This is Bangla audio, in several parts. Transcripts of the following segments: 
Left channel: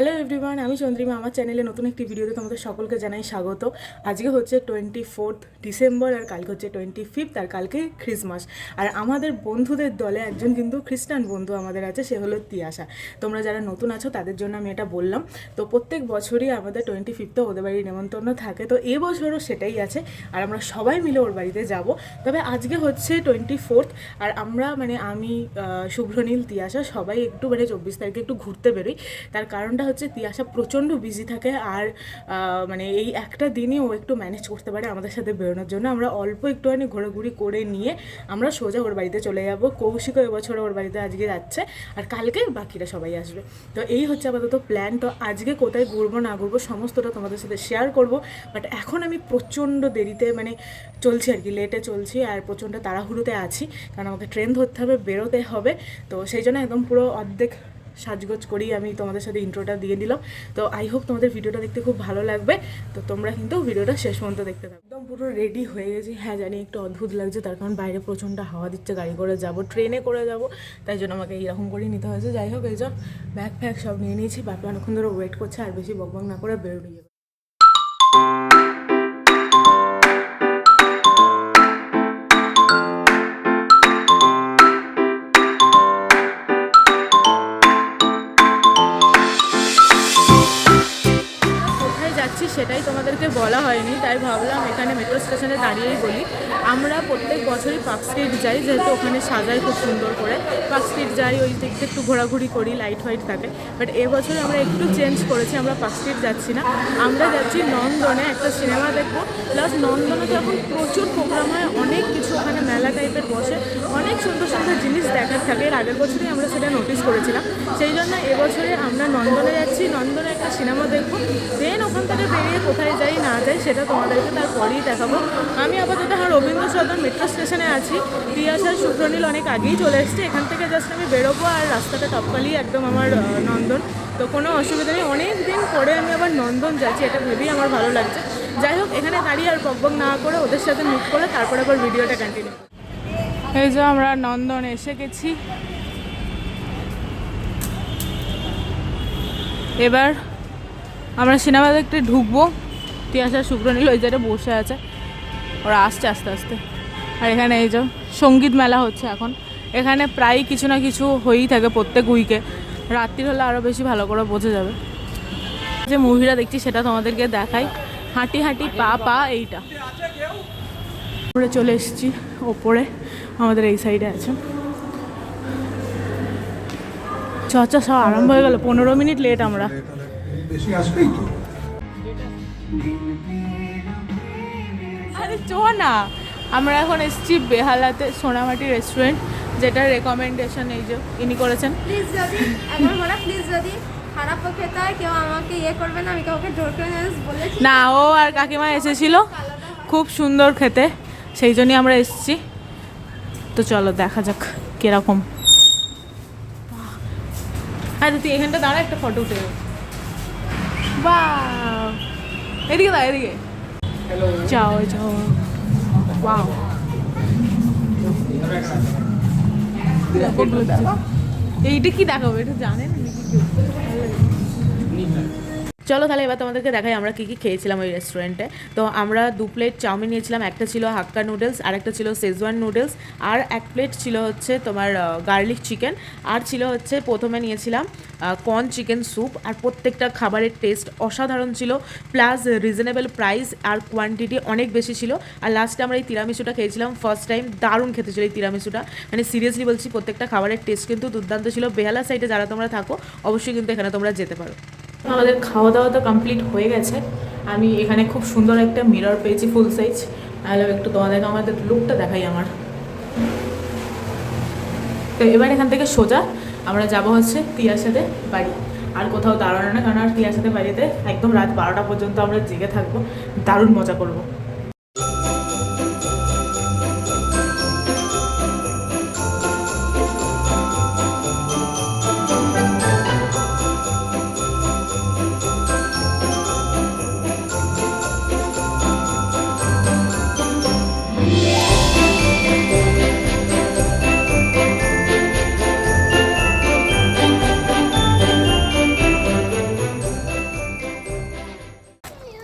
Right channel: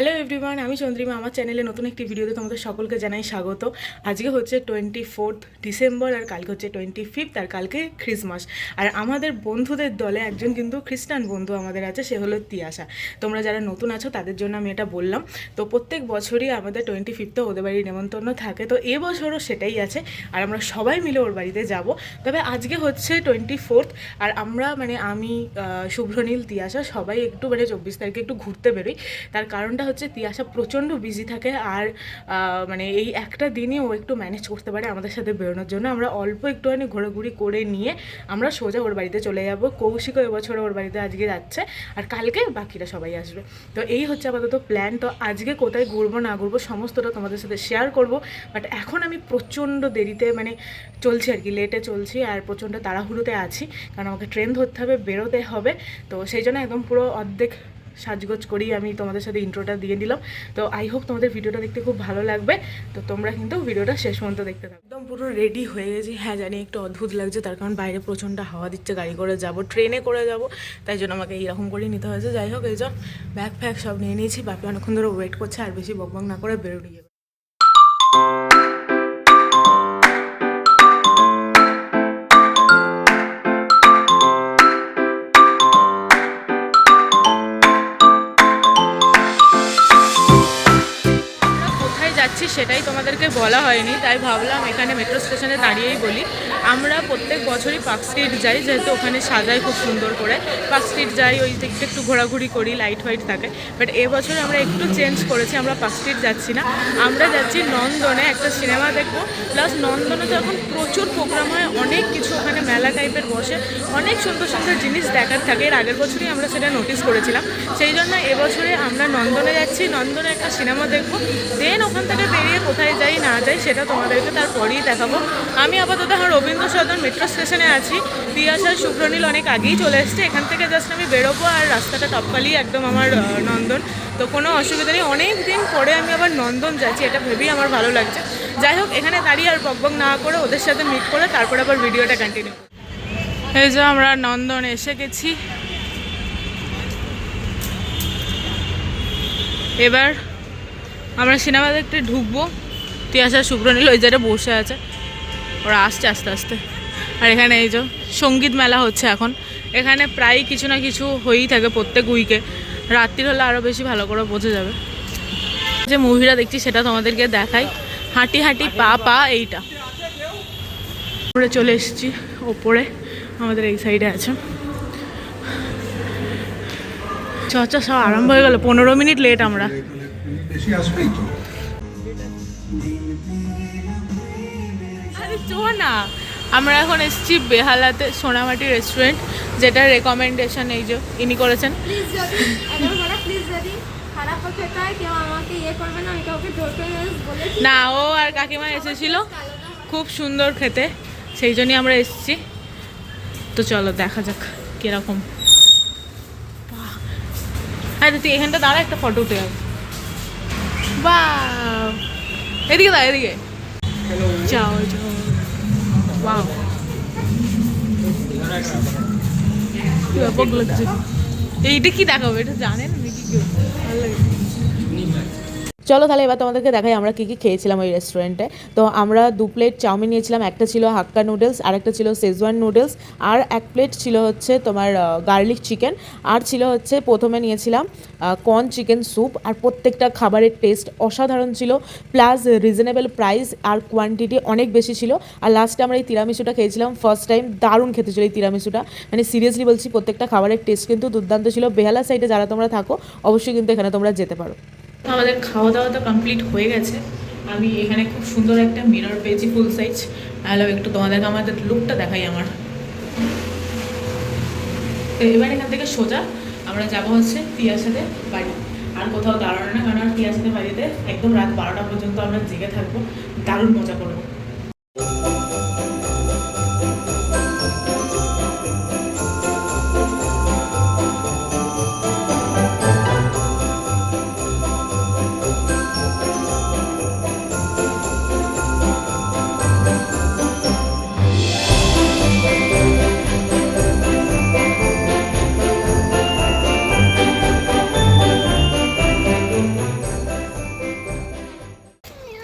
হ্যালো এভরিওয়ান, আমি চন্দ্রিমা। আমার চ্যানেলে নতুন একটি ভিডিওতে তোমাদের সকলকে জানাই স্বাগত। আজকে হচ্ছে 24 ডিসেম্বর আর কালকে হচ্ছে 25, আর কালকে ক্রিসমাস। আর আমাদের বন্ধুদের দলে একজন কিন্তু খ্রিস্টান বন্ধু আমাদের আছে, সে হলো তিয়াশা। তোমরা যারা নতুন আছো তাদের জন্য আমি এটা বললাম। তো প্রত্যেক বছরই আমাদের 25 ওদের বাড়ির নেমন্তন্ন থাকে, তো এবছরও সেটাই আছে। আর আমরা সবাই মিলে ওর বাড়িতে যাব। তবে আজকে হচ্ছে 24, আর আমরা আমি শুভ্রনীল, তিয়াশা সবাই একটু 24 তারিখে একটু ঘুরতে বেরোই। তার কারণটা হচ্ছে তিয়াশা প্রচণ্ড বিজি থাকে, আর এই একটা দিনই ও একটু ম্যানেজ করতে পারে আমাদের সাথে বেরোনোর জন্য। আমরা অল্প একটুখানি ঘোরাঘুরি করে নিয়ে আমরা সোজা ওর বাড়িতে চলে যাব। কৌশিকও এবছর ওর বাড়িতে আজকে যাচ্ছে, আর কালকে বাকিরা সবাই আসবে। তো এই হচ্ছে আপাতত প্ল্যান। তো আজকে কোথায় ঘুরবো না ঘুরবো সমস্তটা তোমাদের সাথে শেয়ার করব। বাট এখন আমি প্রচণ্ড দেরিতে চলছি আর কি, লেটে চলছি, আর প্রচণ্ড তাড়াহুড়োতে আছি, কারণ আমাকে ট্রেন ধরতে হবে, বেরোতে হবে। তো সেই জন্য একদম পুরো অর্ধেক সাজগোজ করেই আমি তোমাদের সাথে ইন্ট্রোটা দিয়ে দিলাম। তো আই হোপ তোমাদের ভিডিওটা দেখতে খুব ভালো লাগবে। তো তোমরা কিন্তু ভিডিওটা শেষ পর্যন্ত দেখতে থাকো। একদম পুরো রেডি হয়ে গেছি। হ্যাঁ জানি একটু অদ্ভুত লাগছে, তার কারণ বাইরে প্রচণ্ড হাওয়া দিচ্ছে, গাড়ি করে যাব, ট্রেনে করে যাব, তাই জন্য আমাকে এইরকম করেই নিতে হয়েছে। যাই হোক, এই যে ব্যাগ ফ্যাগ সব নিয়ে নিয়েছি। বাপি অনেকক্ষণ ধরে ওয়েট করছে, আর বেশি বকবক না করে বেরোনি যাবে। যাচ্ছি সেটাই তোমাদেরকে বলা হয়নি, তাই ভাবলাম এখানে মেট্রো স্টেশনে দাঁড়িয়েই বলি। আমরা প্রত্যেক বছরই পার্ক স্ট্রিট যাই, যেহেতু ওখানে সাজায় খুব সুন্দর করে। পার্ক স্ট্রিট যাই, ওই দিকটা একটু ঘোরাঘুরি করি, লাইট ফাইট থাকে। বাট এবছর আমরা একটু চেঞ্জ করেছি, আমরা পার্ক স্ট্রিট যাচ্ছি না, আমরা যাচ্ছি নন্দনে একটা সিনেমা দেখবো। প্লাস নন্দনে তো এখন প্রচুর প্রোগ্রাম হয়, অনেক কিছু ওখানে মেলা টাইপের বসে, অনেক সুন্দর সুন্দর জিনিস দেখার থাকে। এর আগের বছরই আমরা সেটা নোটিস করেছিলাম, সেই জন্য এবছরে আমরা নন্দনে যাচ্ছি, নন্দনে একটা সিনেমা দেখবো। দেন ওখান থেকে বেরিয়ে কোথায় যাই না যাই সেটা তোমাদেরকে তারপরেই দেখাবো। আমি আপাতত আমার রবীন্দ্র সদন মেট্রো স্টেশনে আছি। তিয়াশা শুভ্রনীল অনেক আগেই চলে এসছে, এখান থেকে জাস্ট আমি বেরোবো, আর রাস্তাটা টপকালি একদম আমার নন্দন। তো কোনো অসুবিধা নেই, অনেক দিন পরে আমি আবার নন্দন যাচ্ছি, এটা ভেবেই আমার ভালো লাগছে। যাই হোক, এখানে দাঁড়িয়ে আর বকবক না করে ওদের সাথে মিট করে তারপরে আবার ভিডিওটা কন্টিনিউ করি। এই যে আমরা নন্দন এসে গেছি। এবার আমরা সিনেমা দেখতে ঢুকবো। তিয়াশা শুভ্রনীল ওই জায়গায় বসে আছে, ওরা আসছে আস্তে আস্তে। আর এখানে এই যে সঙ্গীত মেলা হচ্ছে এখন, এখানে প্রায় কিছু না কিছু হয়েই থাকে প্রত্যেক উইকে। রাত্রির হলে আরও বেশি ভালো করে বোঝা যাবে। যে মুভিটা দেখছি সেটা তোমাদেরকে দেখাই। হাঁটি হাঁটি পা পা, এইটা উপরে চলে এসেছি। ওপরে আমাদের এই সাইডে আছে। চর্চা সব আরম্ভ হয়ে গেল, 15 মিনিট লেট আমরা। না, আমরা এখন এসেছি বেহালাতে সোনামাটি রেস্টুরেন্ট, যেটা রেকমেন্ডেশন এই যে ইনি করেছেন। না, ও আর কাকিমা এসেছিল, খুব সুন্দর খেতে, সেই জন্যই আমরা এসেছি। তো চলো দেখা যাক কিরকম। আরে তুই এখানটা দাঁড়া, একটা ফটো উঠে যাবে। বা এদিকে দাঁড়া, এদিকে যাও যাও। ওয়াও, ব্যাপক লাগছে। এইটা কি দেখাবো, এটা জানেন নাকি কেউ? ভালো লাগে। চলো তাহলে এবার তোমাদেরকে দেখাই আমরা কী কী খেয়েছিলাম ওই রেস্টুরেন্টে। তো আমরা 2 প্লেট চাউমিন নিয়েছিলাম, একটা ছিল হাক্কা নুডলস, আর একটা ছিল শেজওয়ান নুডলস, আর 1 প্লেট ছিল হচ্ছে তোমার গার্লিক চিকেন, আর ছিল হচ্ছে প্রথমে নিয়েছিলাম কর্ন চিকেন স্যুপ। আর প্রত্যেকটা খাবারের টেস্ট অসাধারণ ছিল, প্লাস রিজনেবল প্রাইস, আর কোয়ান্টিটি অনেক বেশি ছিল। আর লাস্টে আমরা এই তিরামিসুটা খেয়েছিলাম ফার্স্ট টাইম, দারুণ খেতে ছিল এই তিরামিসুটা, সিরিয়াসলি বলছি, প্রত্যেকটা খাবারের টেস্ট কিন্তু দুর্দান্ত ছিল। বেহালা সাইডে যারা তোমরা থাকো অবশ্যই কিন্তু এখানে তোমরা যেতে পারো। আমাদের খাওয়া দাওয়া তো কমপ্লিট হয়ে গেছে। আমি এখানে খুব সুন্দর একটা মিরর পেয়েছি ফুল সাইজ। তাহলে একটু তোমাদেরকে আমাদের লুকটা দেখাই আমার। এবার এখান থেকে সোজা আমরা যাবো হচ্ছে তিয়াশাদের বাড়ি। আর কোথাও দাঁড়ানো না, কারণ তিয়াশাদের বাড়িতে একদম রাত 12টা পর্যন্ত আমরা জেগে থাকবো, দারুণ মজা করবো।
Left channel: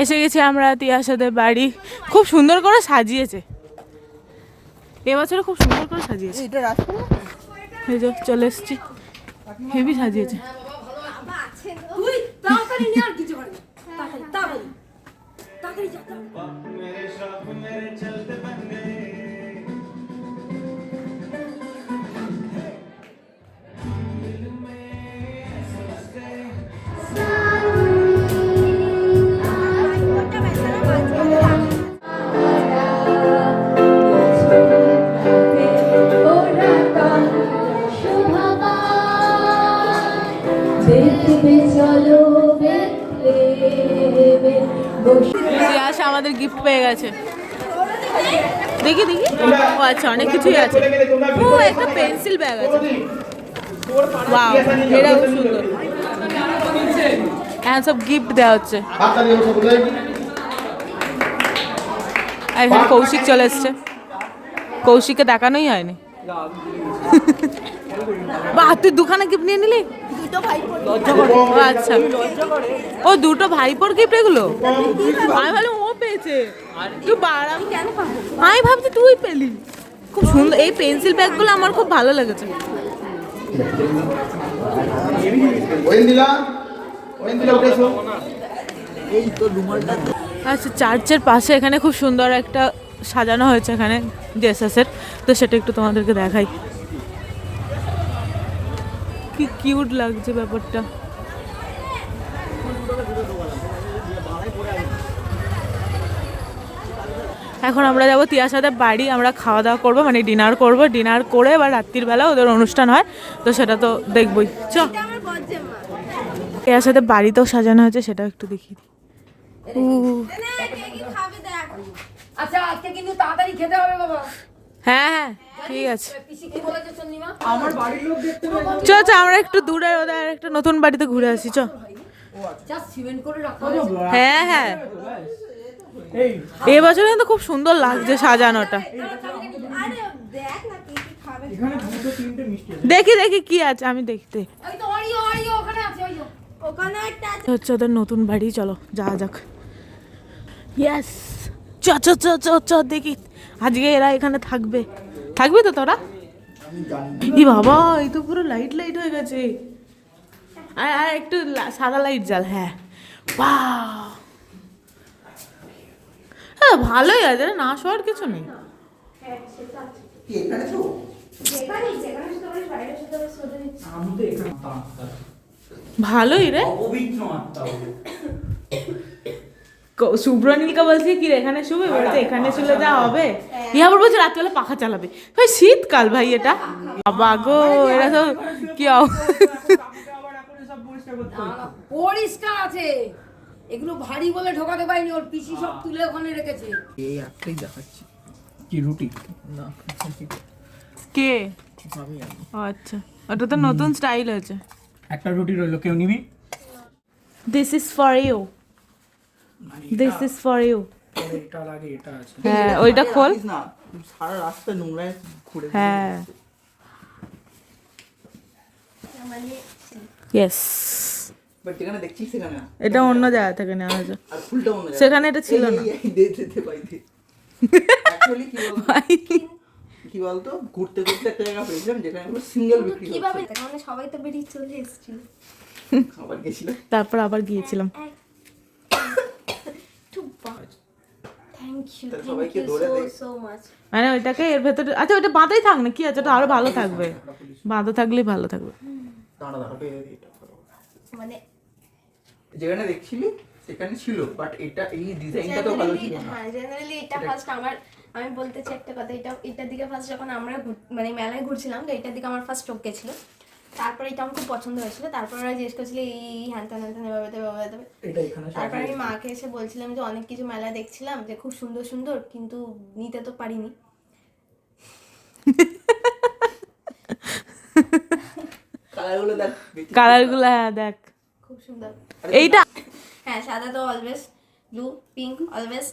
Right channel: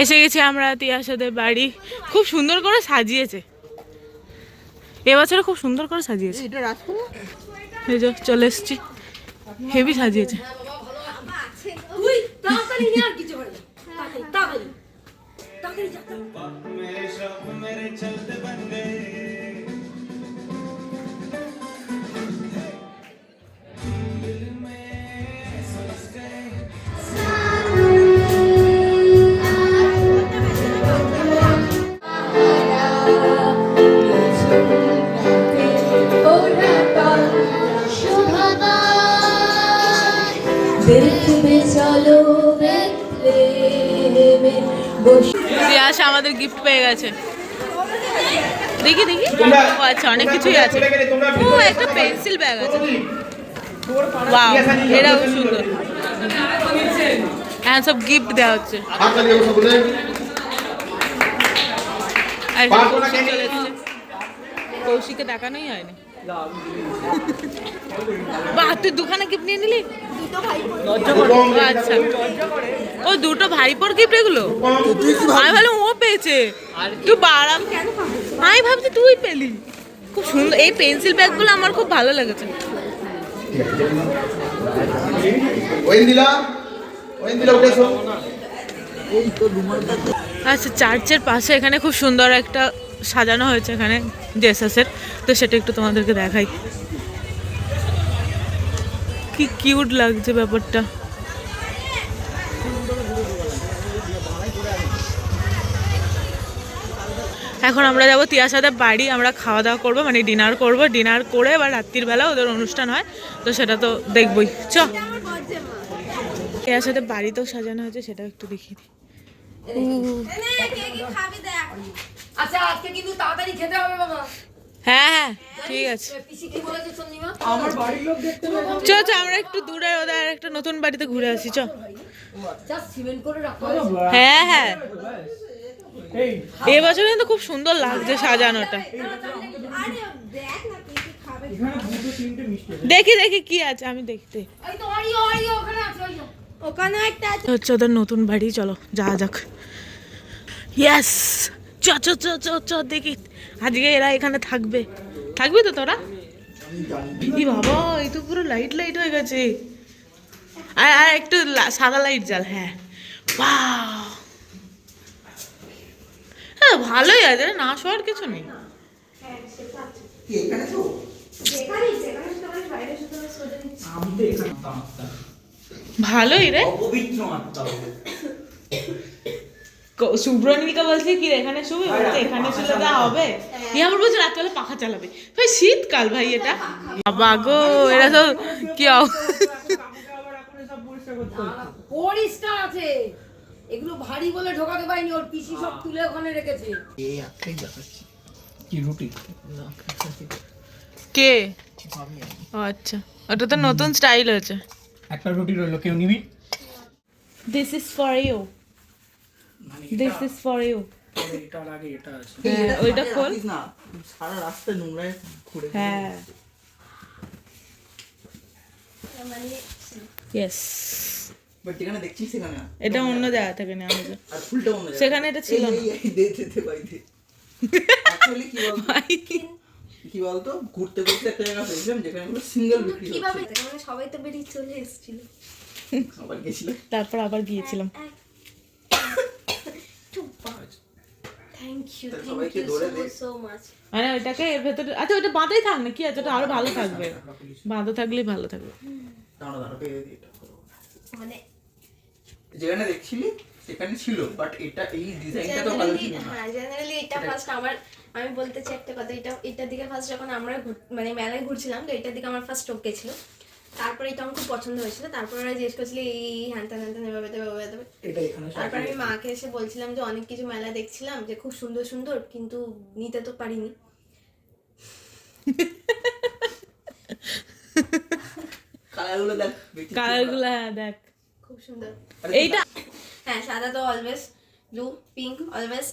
এসে গেছি আমরা তিয়াসাদের বাড়ি। খুব সুন্দর করে সাজিয়েছে এবছরে, খুব সুন্দর করে সাজিয়েছে। এই যে চলে এসছি, হেভি সাজিয়েছে। তিয়াসা আমাদের গিফট পেয়ে গেছে। দেখি দেখি, ও আচ্ছা অনেক কিছুই আছে। ও একটা পেন্সিল ব্যাগ আছে, ওয়াও এটাও সুন্দর। হ্যাঁ সব গিফট দেওয়া হচ্ছে। আর কৌশিক চলে এসছে, কৌশিককে দেখানোই হয়নি। বাহ, তুই দুখানা গিফট নিয়ে নিলি? আচ্ছা, ও দুটো ভাইপোর গিফট এগুলো? আমি ভাবলাম ও পেয়েছে, তুই বাড়াম। আমি ভাবছি তুই পেলি। খুব সুন্দর এই পেন্সিল ব্যাগগুলো, আমার খুব ভালো লেগেছে। আচ্ছা, চার্চের পাশে এখানে খুব সুন্দর একটা সাজানো হয়েছে এখানে জেসাসের, তো সেটা একটু তোমাদেরকে দেখাই। কি কিউট লাগছে ব্যাপারটা। এখন আমরা যাবো তিয়াসাদের বাড়ি, আমরা খাওয়া দাওয়া করবো, মানে ডিনার করবো। ডিনার করে এবার রাত্রির বেলা ওদের অনুষ্ঠান হয়, তো সেটা তো দেখবই। চ, তিয়াসাদের বাড়িতেও সাজানো হয়েছে, সেটাও একটু দেখি। হ্যাঁ হ্যাঁ ঠিক আছে। চ চ, আমরা একটু দূরে ওদের একটা নতুন বাড়িতে ঘুরে আসি। চ। হ্যাঁ হ্যাঁ, এবছর কিন্তু খুব সুন্দর লাগছে সাজানোটা। দেখি দেখি কি আছে, আমি দেখতে হচ্ছে ওদের নতুন বাড়ি। চলো যাওয়া যাক। ইয়েস, চ চ চ চ চ, দেখি আজকে এরা এখানে থাকবে। থাকবি তো তোরা? ই বাবা, এই তো পুরো লাইট লাইট হয়ে গেছে। আর আর একটু সাদা লাইট জ্বাল। হ্যাঁ, বাহ, হ্যাঁ ভালোই আছে, না শোয়ার কিছু নেই। ভালোই রে। শুভ্রনীলকা বলছে কি এখানে শুবে, বলছে এখানে শুলে যা হবে। ইয়া বলছে রাত্রিবেলা পাখা চালাবে। ভাই শীতকাল ভাই এটা। বাবা গো, এরা তো কি পরিষ্কার আছে, এগুলো ভারী বলে ঢোকাতে পারিনি, ওর পিসি সব তুলে ওখানে রেখেছে। এই একটাই দেখাচ্ছি কি রুটি না কে? ও আচ্ছা, ওটা তো নতুন স্টাইল হয়েছে। একটা রুটি রইলো, কেউ নিবি? This is for you, this is for you. এটা লাগে, এটা আছে। হ্যাঁ ওইটা খোল না, সারা রাস্তা নোংরায় ঘুরে হ্যাঁ। ইয়েস, বাট যেখানে দেখছিস সেখানে না, এটা অন্য জায়গা থেকে নেওয়া হয়েছে। আর ফুলটা অন্য জায়গায়। সেখানে এটা ছিল না। দে দে দে ভাই দে। অ্যাকচুয়ালি কি বলতো, ঘুরতে ঘুরতে একটা জায়গা পেয়েছিলাম যেখানে পুরো সিঙ্গেল বিক্রি হচ্ছে। কিভাবে মানে সবাই তো বেরিয়ে চলে এসেছিল, খাবার গেছিল, তারপর আবার গিয়েছিলাম। থ্যাংক ইউ সবাইকে ধরে দে। So much. মানে ওইটাকে এর ভেতরে, আচ্ছা ওটা বাঁধাই থাক না, কি আছে, ওটা আরো ভালো থাকবে। বাঁধা থাকলেই ভালো থাকবে। দাঁড়া দাঁড়া পেয়ে দে এটা। মানে যেখানে দেখছিলি সেখানে ছিল, বাট এটা এই ডিজাইনটা তো ভালো ছিল না। হ্যাঁ, জেনারেলি এটা ফার্স্ট আমি বলতে চাই একটা কথা, এটার দিকে ফার্স্ট যখন আমরা মানে মেলায় ঘুরছিলাম, তো এটার দিকে আমার ফার্স্ট চোখে ছিল। তারপরে এটা আমার খুব পছন্দ হয়েছিল। তারপর ওরা জিজ্ঞেস করছিল এই হ্যানত্যান হ্যানত্যান এভাবে দেবে। এটা এখানে তারপর আমি মাকে এসে বলছিলাম যে অনেক কিছু মেলা দেখছিলাম যে খুব সুন্দর সুন্দর, কিন্তু নিতে তো পারিনি। কালারগুলো দেখ, কালারগুলো হ্যাঁ দেখ খুব সুন্দর। এইটা হ্যাঁ, সাদা তো অলওয়েজ, ব্লু পিঙ্ক অলওয়েজ।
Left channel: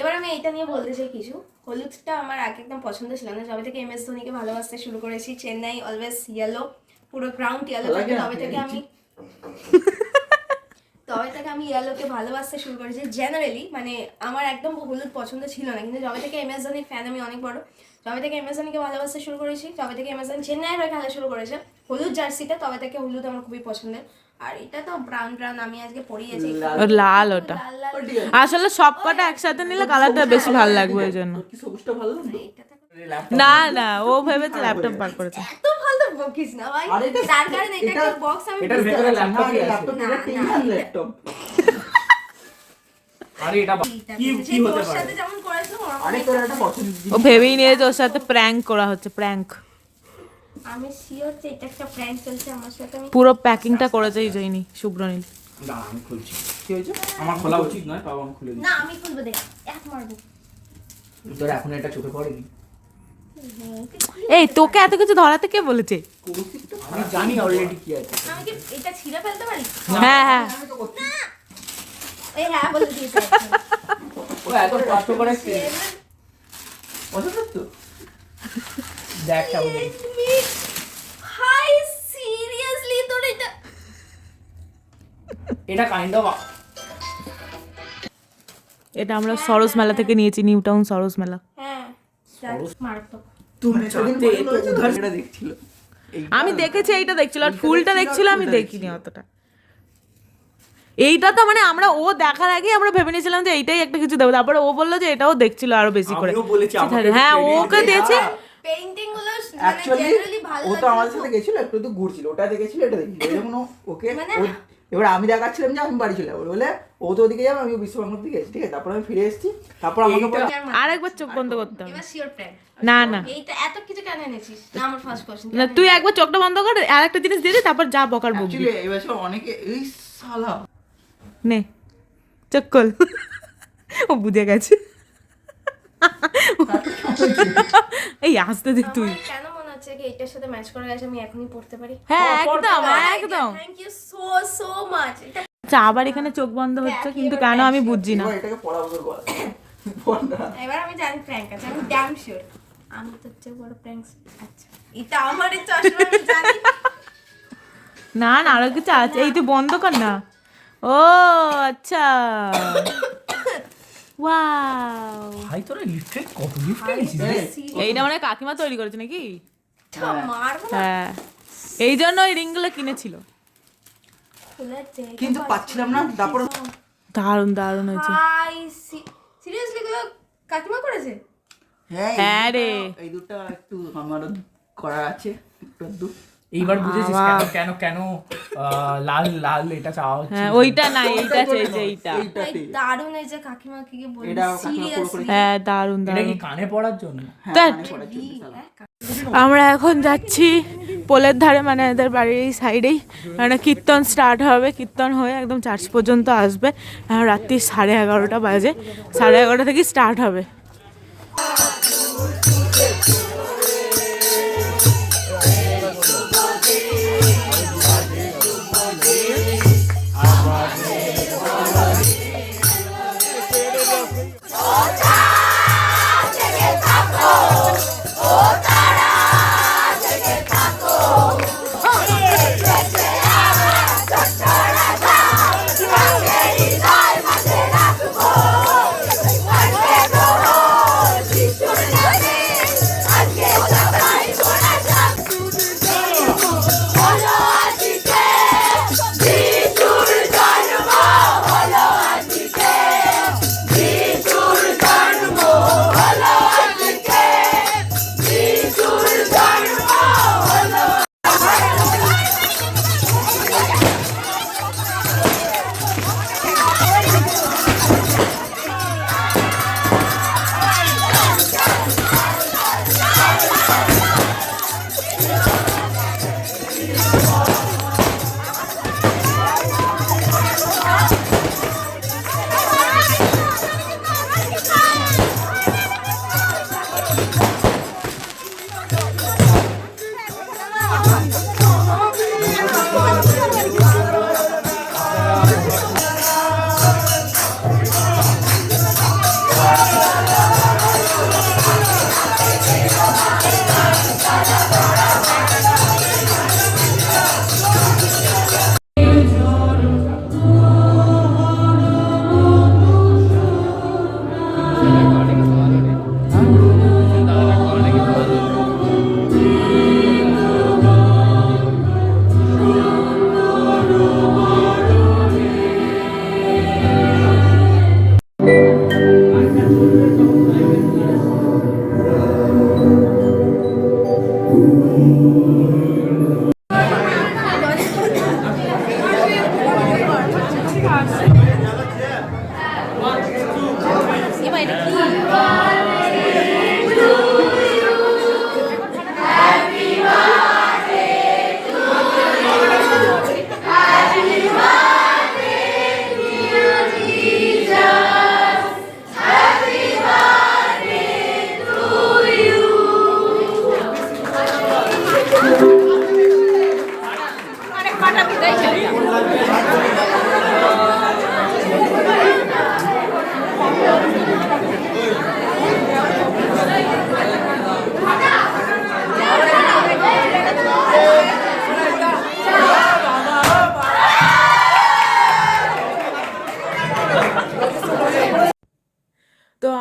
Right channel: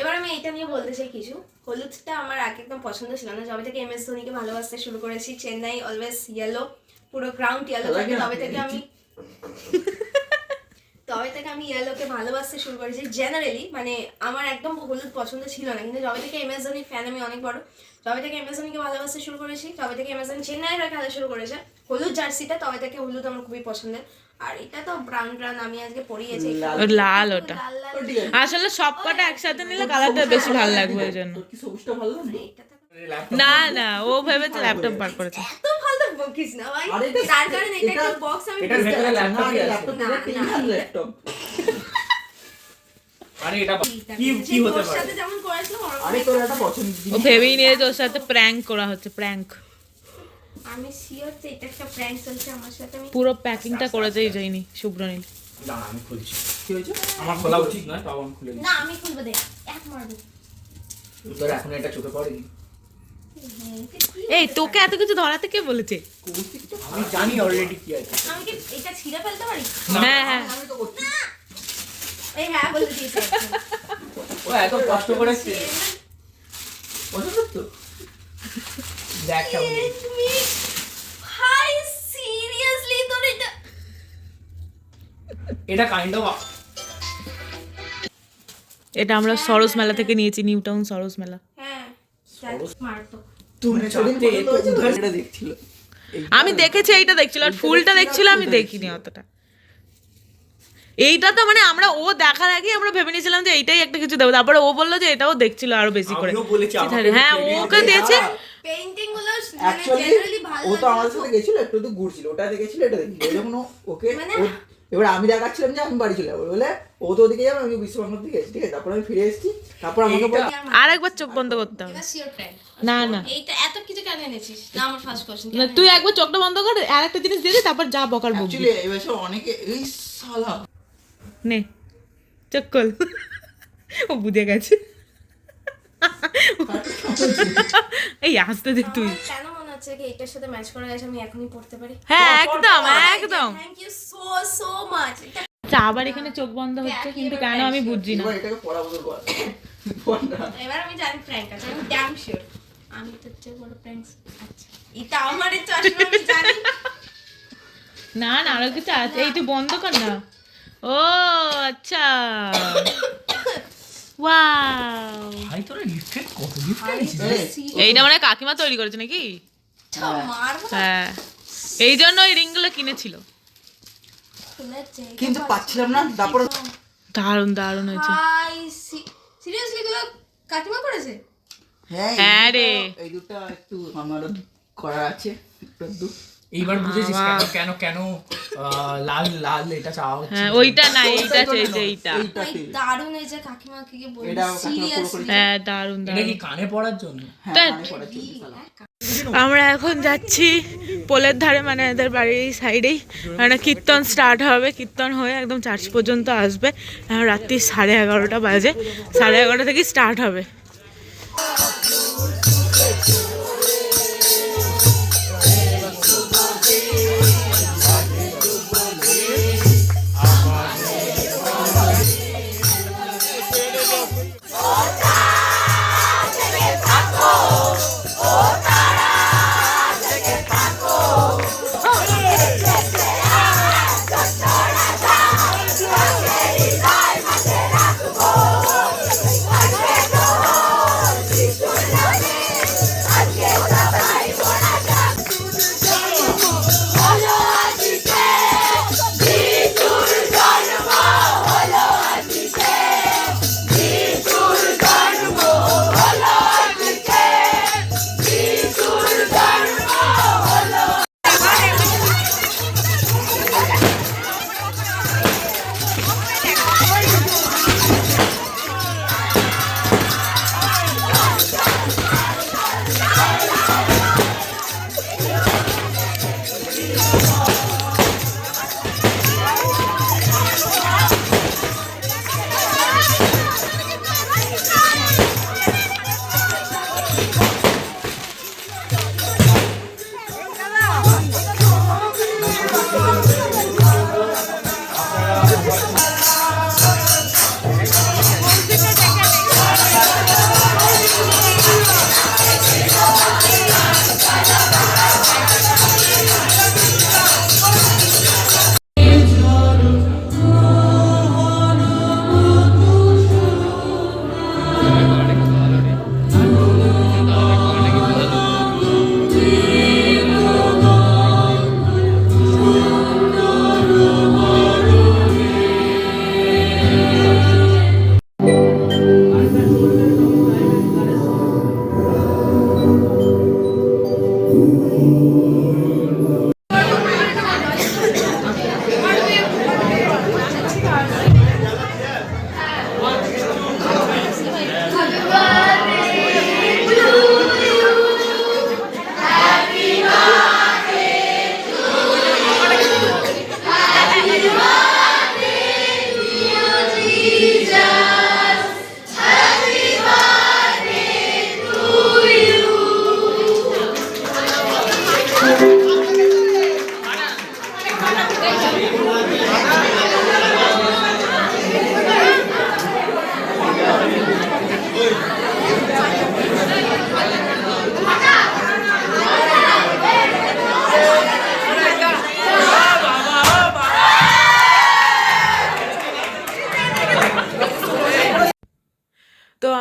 এবার আমি এইটা নিয়ে বলতে চাই কিছু। হলুদটা আমার আগে একদম পছন্দ ছিল না, যবে থেকে MS ধোনিকে ভালোবাসতে শুরু করেছি। চেন্নাই অলওয়েজ ইয়েলো, পুরো গ্রাউন্ড ইয়েলো থাকে, তবে থেকে আমি ইয়েলোকে ভালোবাসতে শুরু করেছি জেনারেলি, মানে আমার একদম হলুদ পছন্দ ছিল না, কিন্তু যবে থেকে অ্যামাজনের ফ্যান আমি অনেক বড়, তবে থেকে অ্যামাজনকে ভালোবাসতে শুরু করেছি, তবে থেকে অ্যামাজন চেন্নাইয়ের হয়ে খেলা শুরু করেছে হলুদ জার্সিটা, তবে থেকে হলুদ আমার খুবই পছন্দের। আর এটা তো ব্রাউন ব্রাউন আমি আজকে পরিয়েছি, লাল ওটা লাল লাল আসলে সব কটা একসাথে নিলে কালারটা বেশি ভালো লাগবে ওই জন্য। তোর কি সবুজটা ভালো লাগলো? এটা তো না না, ও ভেবেছে ল্যাপটপ বার করেছে। এত ফালতু বকিস না ভাই, আরে এটা- তার কারণে এটা একটা বক্স আমি এটার ভেতরে না, ল্যাপটপ এটা আছে। ল্যাপটপ, না, এটা না, টেনশন এটা- ল্যাপটপ। আরে এটা কি কি হতে তোর পারে? সাথে যেমন করেছিল আরে তোর একটা পছন্দ ও ভেবেই নিয়েছে ওর সাথে প্র্যাঙ্ক করা হচ্ছে, প্র্যাঙ্ক। আমি শিওর যে এটা একটা প্র্যাঙ্ক চলছে আমার সাথে। আমি পুরো প্যাকিংটা করেছেই যায়নি শুভ্রনীল। না আমি খুলছি। কি হয়েছে? আমার খোলা উচিত নয়, তাও আমি খুলে দিই। না আমি খুলবো, দেখ এক মারবো। তোর এখন এটা চোখে পড়েনি? এই তোকে এত কিছু ধরাতে কে বলেছে? কৌশিকটা আমি জানি অলরেডি কি আছে। আমি কি এটা ছিঁড়ে ফেলতে পারি? হ্যাঁ হ্যাঁ, আমি তো করছি। এই হ্যাঁ বলে দিয়েছে ও এত কষ্ট করে পছন্দ তো? দেখ কেমন। হাই সিরিয়াসলি তোর এটা এটা কাইন্ড অফ এটা আমরা সরস মেলা থেকে নিয়েছি, নিউ টাউন সরস মেলা। হ্যাঁ মারতো। তুমি সেদিন চাইতে পছন্দ তো হয়েছে তো? উধার এটা দেখছিল। আমি দেখেছি, এইটা দেখছিল, আর ফুলটা দেখছিল, আমি দেখিনি অতটা। এইটা তো মানে আমরা ও দেখার আগে আমরা ভেবে নিয়েছিলাম যে এইটাই একটা কিছু দেবো, তারপরে ও বললো যে এটাও দেখছিল আরো বেশি করে। আমিও বলেছি, ঠিক আমাকে আছে, হ্যাঁ credit ওকে দে। দিয়েছে। পেইন্টিং গুলো মানে Actually, জেনারেলি ভালো ও তো লাগে আমাদের সাথে গেছিল, একটু তো ঘুরছিল, ওটা দেখেছিল, এটা দেখছিল। যখন ওকে মানে- ও- এবার আমি দেখাচ্ছিলাম যে আমি বাড়ি চলে যাবো বলে, ও তো ওদিকে যাবে, আমি বিশ্ববাংলার দিকে গেছি, ঠিক আছে। তারপর আমি ফিরে এসেছি, তারপর আমাকে বলে আর একবার চোখ বন্ধ করতে হবে। এবার শিওর প্র্যাঙ্ক। না না এইটা এত কিছু কেন এনেছিস? না আমার ফার্স্ট কোশ্চেন। না, তুই একবার চোখটা বন্ধ কর, আর একটা জিনিস দিয়ে দে, তারপর যা বকার বকবি। অ্যাকচুয়ালি এবার সব অনেকে এই শালা নে চোখ খোল। ও বুঝে গেছে। এই আসতে দে তুই। আমার কেন মনে হচ্ছে কি এটার সাথে ম্যাচ করে গেছে, আমি এখনই পড়তে পারি? হ্যাঁ একদম একদম। Thank you so much. এটা আচ্ছা, আবার এখানে চোখ বন্ধ হচ্ছে, কিন্তু কেন আমি বুঝছি না। এবার এটাকে পড়া বদল কর। বল না। এবার আমি জানি প্র্যাঙ্ক আছে, আমি ড্যাম শিওর। আমি তো চেয়ে বড় প্র্যাঙ্কস। আচ্ছা এটা আমার চশমা, আমি জানি। না না, আরো কিছু আছে, এই তুই বন্ধ কর না। ও আচ্ছা, ওয়াও, ভাই তোরা লিফটেড কত লিফট এনেছিস? এইটা মানে কাকিমা তৈরি করেছে নাকি? তো মারবো না। হ্যাঁ, এই জন্য ওই রিংগুলো কিনেছিল। খুলেছে। কিন্তু পাচ্ছিলাম না, তারপর দারুণ দারুণ হয়েছে। হাই সিরিয়াসলি গুলো কাকিমা করেছে? হ্যাঁ রে, এই দুটো একটু আমারও করা আছে, একটু এইবার বুঝেছিস কেন কেন কেন লাল লাল এটা চাওয়া হচ্ছে? হ্যাঁ ওইটা না, এইটা চেয়েছে, এইটা। ভাই দারুণ এই যে কাকিমাকে কি বলি এটা কাকিমা সিরিয়াসলি। হ্যাঁ দারুণ এটা দারুণ। কি কানে পড়ার জন্য? হ্যাঁ ধ্যাৎ। আমি করেছি শালা। আমরা এখন যাচ্ছি পোলের ধারে, মানে এদের বাড়ির এই সাইডেই, মানে কীর্তন স্টার্ট হবে, কীর্তন হয়ে একদম চার্চ পর্যন্ত আসবে। এখন রাত্রি 11:30 বাজে, 11:30 থেকে স্টার্ট হবে।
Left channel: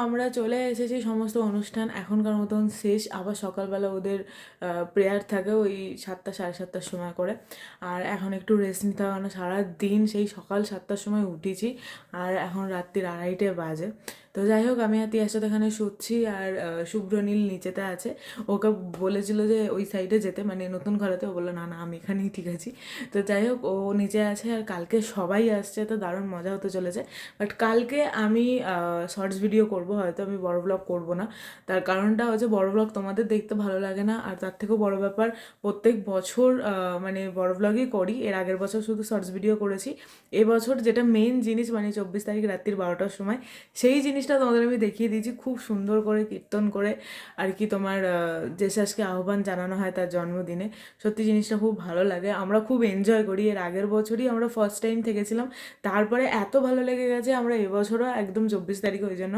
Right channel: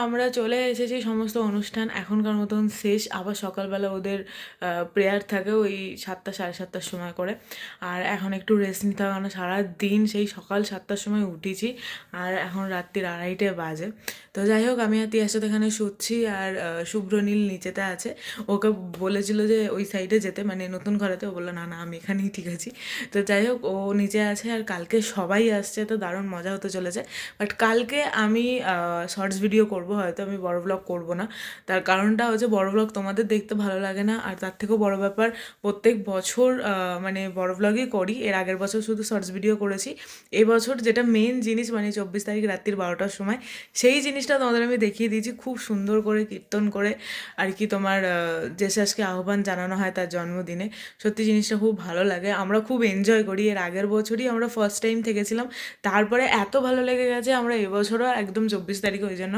আমরা চলে এসেছি, সমস্ত অনুষ্ঠান এখনকার মতন শেষ। আবার সকালবেলা ওদের প্রেয়ার থাকে ওই 7টা 7:30টার সময় করে। আর এখন একটু রেস্ট নিতে হবে, কারণ সারাদিন সেই সকাল 7টার সময় উঠেছি আর এখন রাত্রির 2:30 বাজে। তো যাই হোক, আমি আর তিয়ার সাথে এখানে শুচ্ছি, আর শুভ্রনীল নিচেতে আছে। ওকে বলেছিল যে ওই সাইডে যেতে, মানে নতুন ঘরেতে। ও বললো না না আমি এখানেই ঠিক আছি। তো যাই হোক, ও নিচে আছে। আর কালকে সবাই আসছে, তো দারুণ মজা হতে চলেছে। বাট কালকে আমি শর্টস ভিডিও করব, হয়তো আমি বড় ব্লগ করব না। তার কারণটা হচ্ছে বড় ব্লগ তোমাদের দেখতে ভালো লাগে না, আর তার থেকেও বড় ব্যাপার প্রত্যেক বছর মানে বড় ব্লগই করি। এর আগের বছর শুধু শর্টস ভিডিও করেছি। এবছর যেটা মেন জিনিস, মানে 24 তারিখ রাত্রির 12টার সময় সেই জিনিসটা তোমাদের আমি দেখিয়ে দিয়েছি, খুব সুন্দর করে কীর্তন করে আর কি তোমার জেসাসকে আহ্বান জানানো হয় তার জন্মদিনে। সত্যি জিনিসটা খুব ভালো লাগে, আমরা খুব এনজয় করি। এর আগের বছরই আমরা ফার্স্ট টাইম থেকেছিলাম, তারপরে এত ভালো লেগে গেছে আমরা এবছরও একদম 24 তারিখে ওই জন্য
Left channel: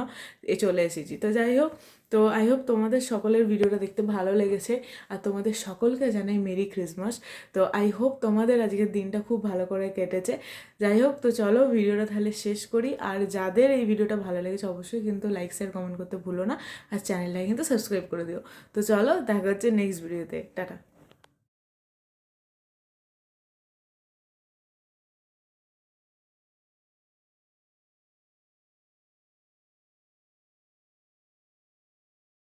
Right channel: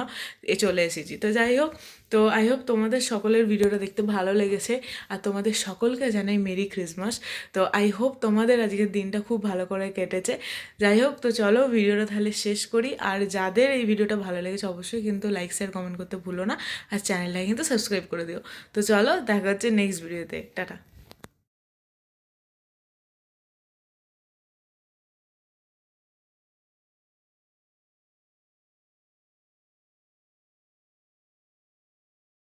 চলে এসেছি। তো যাই হোক, তো আই হোপ তোমাদের সকলের ভিডিওটা দেখতে ভালো লেগেছে, আর তোমাদের সকলকে জানাই মেরি ক্রিসমাস। তো আই হোপ তোমাদের আজকের দিনটা খুব ভালো করে কেটেছে। যাই হোক, তো চলো ভিডিওটা তাহলে শেষ করি। আর যাদের এই ভিডিওটা ভালো লেগেছে অবশ্যই কিন্তু লাইক শেয়ার কমেন্ট করতে ভুলো না, আর চ্যানেলটাকে কিন্তু সাবস্ক্রাইব করে দিও। তো চলো, দেখা হচ্ছে নেক্সট ভিডিওতে। টাটা।